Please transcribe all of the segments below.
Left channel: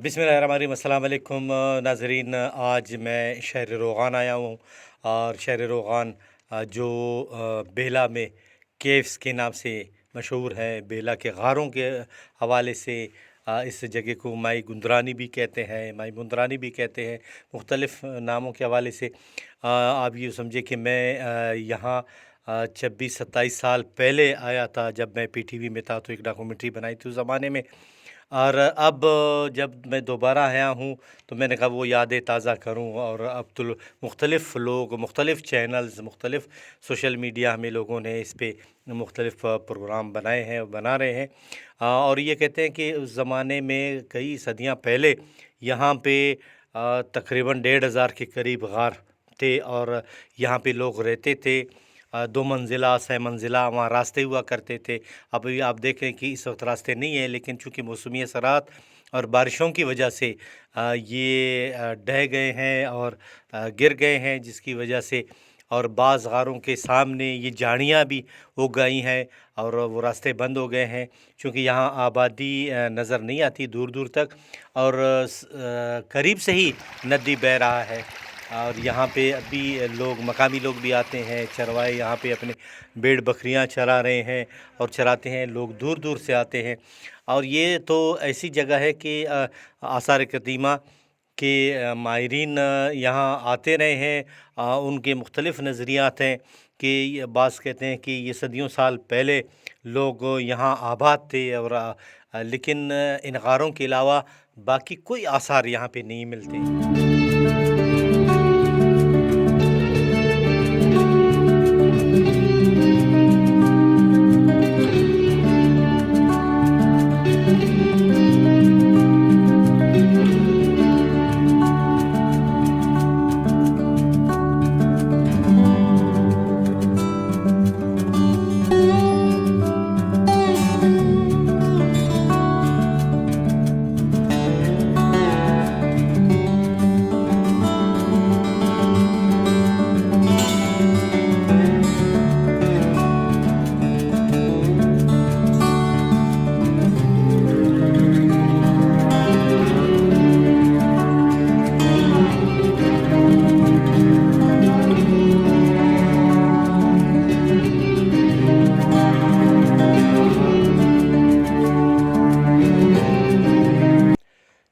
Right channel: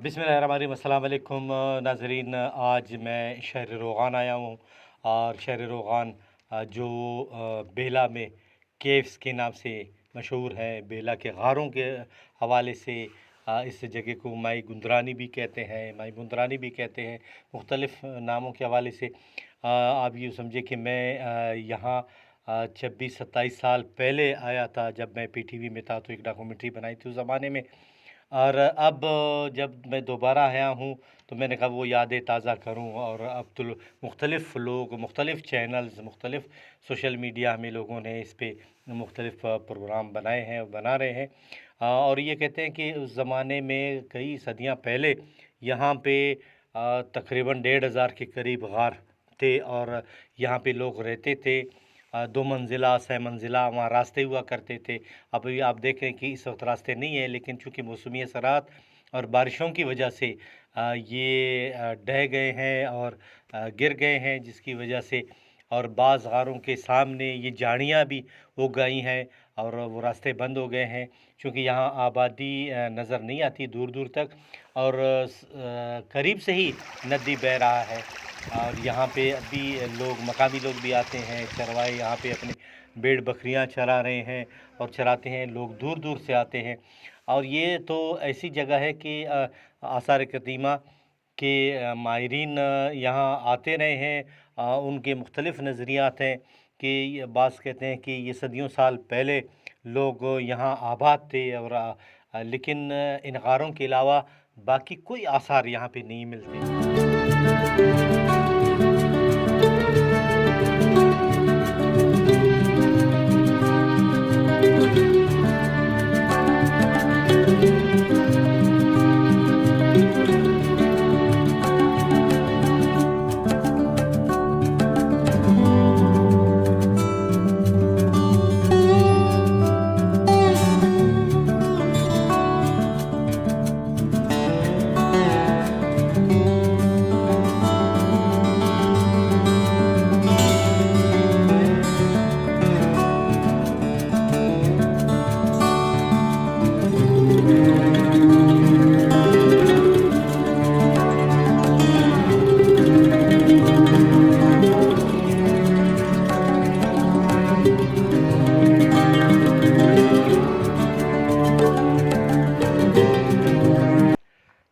बिस्मिल्लाहिर्रहमानिर्रहीम, अस्सलाम वालेकुम नाज़रीन। आज मैं शहर रोगान आया हूँ और शहर रोगान जो बेला में केव्स के नाम से मशहूर है, बेला के गारों के हवाले से इस जगह को माई गुंदरानी भी कहते हैं, माई मुंदरानी भी कहते हैं, मुख्तलिफ़ नामों के हवाले से। आप ये समझे कि मैं यहाँ 26-27 साल पहले आया था। जब मैं पीटीवी में था तो एक डॉक्यूमेंट्री बनाई थी उस ज़माने में। और अब जब मैं दोबारा आया हूँ तो मैंने कहा वो यादें ताज़ा करूँ। और अब तो मुख्तलिफ़ लोग, मुख्तलिफ़ चैनल्स, मुख्तलिफ़ सोशल मीडिया में लोगों ने इस पे मुख्तलिफ़ प्रोग्राम बनाए हैं और बना रहे हैं। और ये कहते हैं कि उस ज़माने में कई सदियाँ पहले यहाँ पे तकरीबन 1500 के करीब गार थे और यहाँ पे लोग रहते थे। 2 मंजिला, 6 मंजिला वहाँ रास्ते हुआ करते थे। अभी आप देखें कि इस वक्त रास्ते नहीं है, लेकिन चूँकि मौसमी असरात और बारिशों की वजह से ये ढह गए हैं और गिर गए हैं, जिसकी वजह से और बाज़ गारों के सामने ये झाड़ियाँ भी उग गई हैं और वो रास्ते बंद हो गए हैं। चूँकि यहाँ आबादी नज़र नहीं आती दूर दूर तक और करीब से ही नदी बह रहा है। और यहाँ पे अभी लोग, मकामी लोग भी आते हैं, चरवाहे यहाँ पे अपने भेड़ बकरियाँ चरा रहे हैं और चराते हैं। लोग दूर दूर से आते हैं और ये तो ऐसी जगह है कि आसार कदीमा के माहिरीन यहाँ आते रहे हैं। उनके मुख्तलिफ़ नज़रियात हैं कि बाज़ कहते हैं कि ये सदियों साल पहले लोग यहाँ आबाद थे और लेकिन इन गारों के अलावा बाकी कोई आसार यहाँ पे नहीं मिलते।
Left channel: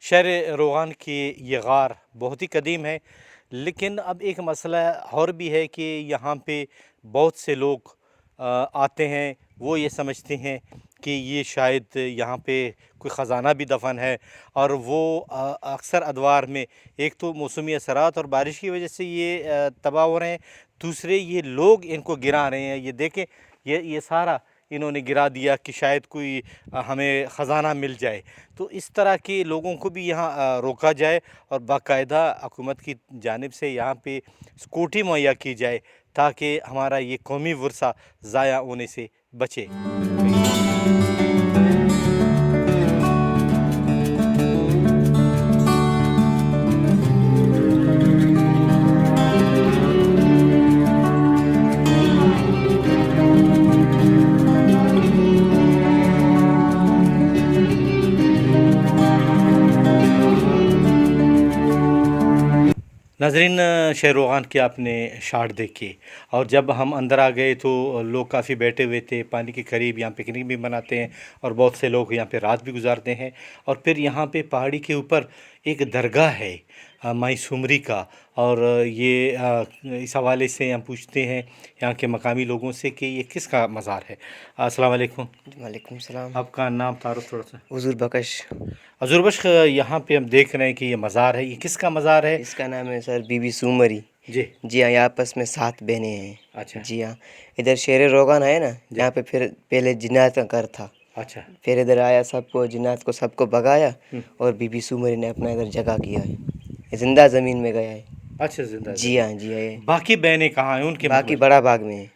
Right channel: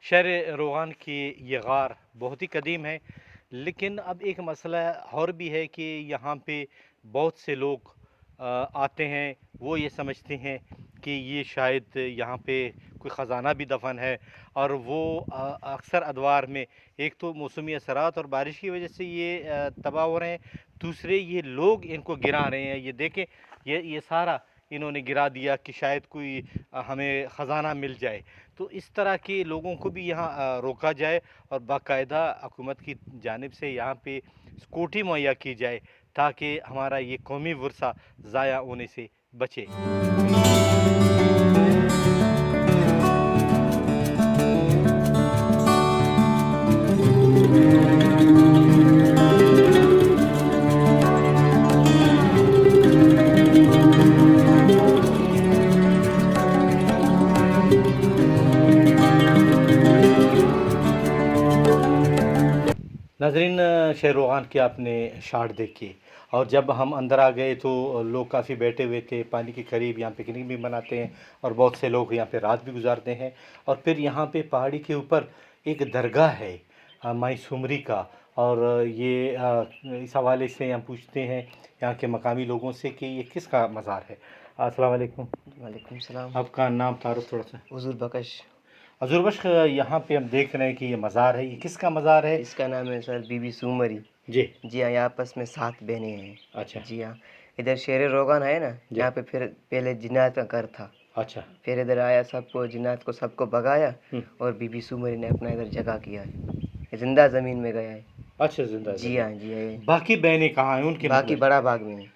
शहर रोगान की ये गार बहुत ही कदीम है, लेकिन अब एक मसला और भी है कि यहाँ पे बहुत से लोग आते हैं। वो ये समझते हैं कि ये शायद यहाँ पे कोई ख़जाना भी दफन है और वो अक्सर अदवार में एक तो मौसमी असरात और बारिश की वजह से ये तबाह हो रहे हैं, दूसरे ये लोग इनको गिरा रहे हैं। ये देखें, ये सारा इन्होंने गिरा दिया कि शायद कोई हमें ख़जाना मिल जाए। तो इस तरह के लोगों को भी यहाँ रोका जाए और बाकायदा हुकूमत की जानिब से यहाँ पे सिक्योरिटी मुहैया की जाए ताकि हमारा ये कौमी वर्सा ज़ाया होने से बचे। नाज़रीन, शहर रोगान की आपने शाट देखी और जब हम अंदर आ गए तो लोग काफ़ी बैठे हुए थे पानी के करीब। यहाँ पिकनिक भी मनाते हैं और बहुत से लोग यहाँ पे रात भी गुजारते हैं। और फिर यहाँ पे पहाड़ी के ऊपर एक दरगाह है माई सुमरी का। और ये इस हवाले से हम पूछते हैं यहाँ के मकामी लोगों से कि ये किसका मज़ार है। अस्सलाम वालेकुम। वालेकुम सलाम। आपका नाम तारुफ थोड़ा सा। हुजूर बकश। हजूर बख्श, यहाँ पे हम देख रहे हैं कि ये मज़ार है, ये किसका मज़ार है? इसका नाम है सर बीबी सुमरी। जी जी हाँ, ये आपस में 7 बहनें हैं। अच्छा जी हाँ, इधर शेर रोगान है ना, यहाँ पे फिर पहले जिन्नात का घर था। अच्छा। फिर इधर आया, सबको जिन्नात को सबको भगाया और बीबी सुमरी ने अपना इधर जगह किया है, ये जिंदा ज़मीन में गया है। अच्छा, जिंदा जी हाँ, जी हाँ। ये बाकी बहनें कहाँ हैं उनके? बाकी बड़ा बाग में है।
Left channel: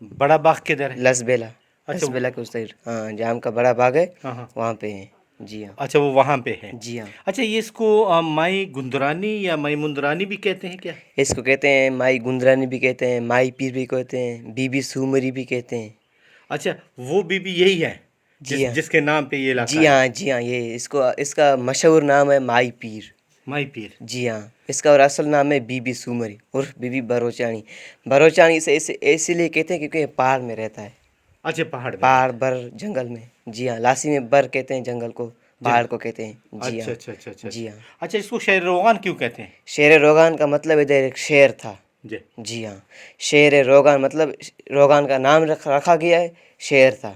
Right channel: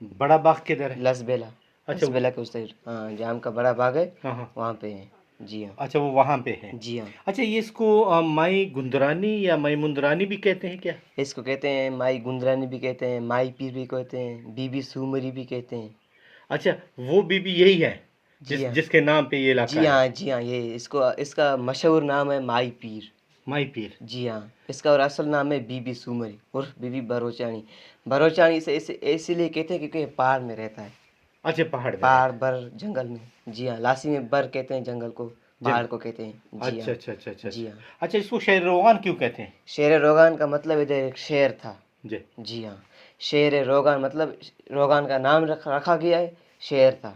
बड़ा बाग किधर है? लसबेला। अच्छा, लसबेला के उस साइड, हाँ, जाम का बड़ा बाग है, हाँ। वहाँ पे है। जी हाँ। अच्छा, वो वहाँ पे है। जी हाँ। अच्छा, ये इसको माई गुंदरानी या माई मुंदरानी भी कहते हैं क्या? इसको कहते हैं माई गुंदरानी भी कहते हैं, माई पीर भी कहते हैं, बीबी सुमरी भी कहते हैं। अच्छा, वो बीबी यही है? جس کے نام پہ یہ علاقہ جی ہاں جی ہاں، یہ اس کا مشہور نام ہے مائی پیر۔ مائی پیر۔ جی ہاں، اس کا اور اصل نام ہے بی بی سومری عرف بی بی بروچانی۔ بروچانی سے اسی لیے کہتے ہیں کیونکہ یہ پہاڑ میں رہتا ہے، اچھا پہاڑ میں پہاڑ بر جنگل میں۔ جی ہاں، لاسی میں بر کہتے ہیں جنگل کو، پہاڑ کو کہتے ہیں۔ جی اچھا ہاں اچھا اچھا اچھا جی ہاں۔ اچھا، اس کو شہر روغان کیوں کہتے ہیں؟ شیر روغان کا مطلب ادھر ایک شیر تھا۔ جی جی ہاں، شیر روغان مطلب روغان کا نام رکھا گیا ہے، شیر تھا۔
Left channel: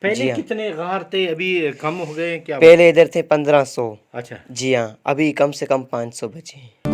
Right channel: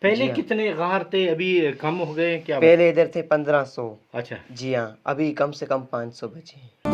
پہلے جی ہاں، کتنے غار تھے، ابھی کم ہو گئے کیا؟ پہلے ادھر تھے 1500۔ اچھا جی ہاں، ابھی کم سے کم 500 بچے ہیں۔